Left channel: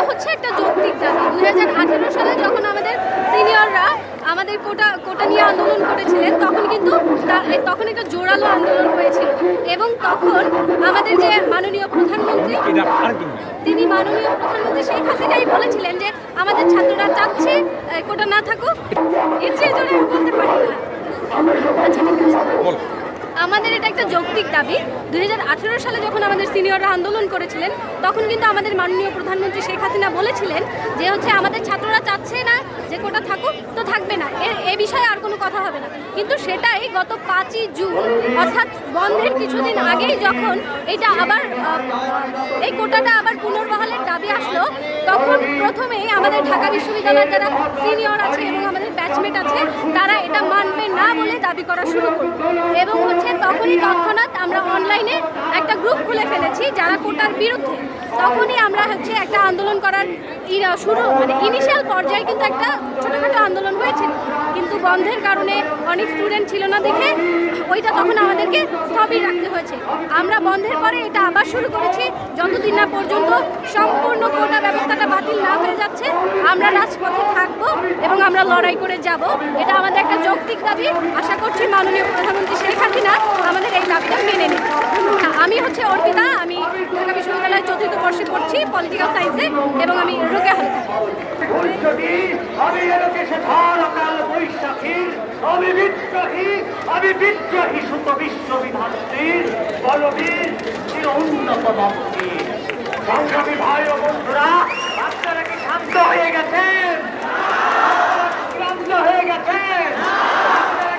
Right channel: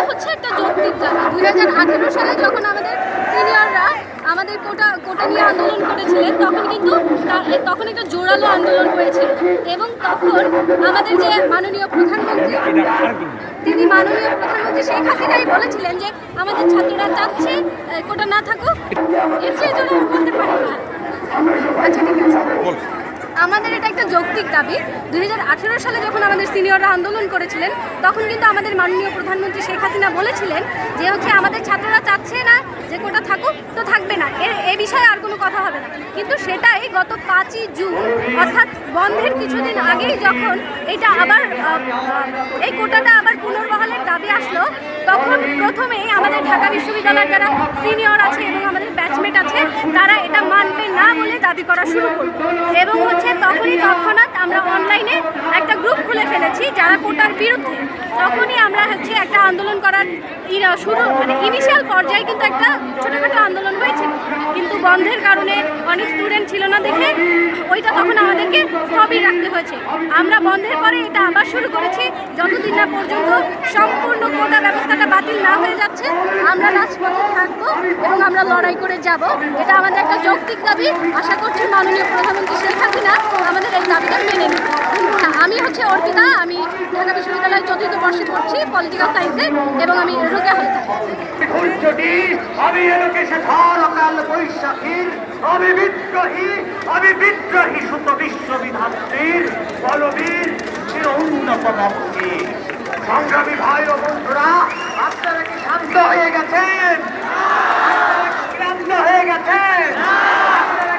এটা হচ্ছে একটা যৌক্তিক দাবি। 2018 সালে যখন আমাদের সিনিয়ররা আমাদের কোটা নিয়ে আন্দোলন করেছিলেন, তখন একটা জোরালো আন্দোলন হয়েছিল এবং তখন আমাদের যে মাননীয় প্রধানমন্ত্রী শেখ হাসিনাই বলেছিলেন যে আমাদের ছাত্ররা চাচ্ছে কোটা না থাকুক। এর চেয়ে জোরে আমি বলতে পারি না। আচ্ছা, ঠিক আছে, আমাদের এটা একটা যৌক্তিক দাবি। 2018 সালে যখন আমাদের সিনিয়ররা আন্দোলন করেছিলেন, তখন কিন্তু আমাদের মাননীয় প্রধানমন্ত্রী শেখ হাসিনা বলেছিলেন যে আমাদের ছাত্ররা চাচ্ছে না যে কোটা থাকুক, তো থাকবে না, এ বিষয়ে আর কোনো কথা হবে না। কিন্তু সেটাই গত 5ই জুন অর্থাৎ বন্ধের কিছুদিন আগেই যখন এই কোটাটা আবার পুনর্বহালের দাবি আসলো, তখন প্রথমেই আমাদের ঢাকা বিশ্ববিদ্যালয়ের যারা সিনিয়র আছে এবং আমাদের ব্যাচমেট আছে, তারা এটা মানবে না বলে দাবি করা শুরু করল। এবং তখনই তৎক্ষণাৎ আমরা অনলাইনে একটা গ্রুপ খুলে ফেলেছি যারা কোটার বিরুদ্ধে। তখনই আমরা একটা আন্দোলন করার ইনিশিয়াল পর্যায়ে কিন্তু একটা ছোটোখাটো আন্দোলন হয়েছিল, কিন্তু বন্ধের কারণে অনেক স্টুডেন্ট ছিল না দেখে ওইটা তখন আমাদেরকে স্থবির রাখতে হয়েছে। আমরা বন্ধের পরে এটা আবার শুরু করেছি, যতদিন না পর্যন্ত সম্পূর্ণ কোটা ব্যবস্থাটা বাতিল না হয়ে যাচ্ছে আমরা রাজপথে থাকবো এবং আমরা লড়াই করে যাব। এটা আমাদের একটা যৌক্তিক দাবি। আশা করছি মাননীয় প্রধানমন্ত্রী শেখ হাসিনা আমাদের এই দাবিটা মেনে নেবে। আমি অর্পিতা, আমি ঢাকা বিশ্ববিদ্যালয়ের 4th বর্ষে পড়ছি পলিটিক্যাল সায়েন্সে এবং আমি রোকেয়া হলে থাকি। বিদ্রোহী সুত বিশ্ববিধাত্রীর বলবীর চির উন্নত মন্ত্রী। সংগ্রামী ভাই ও বন্ধুরা, আপনারা কি শান্ত হয়ে গেছেন? শান্ত হয়ে গেছেন?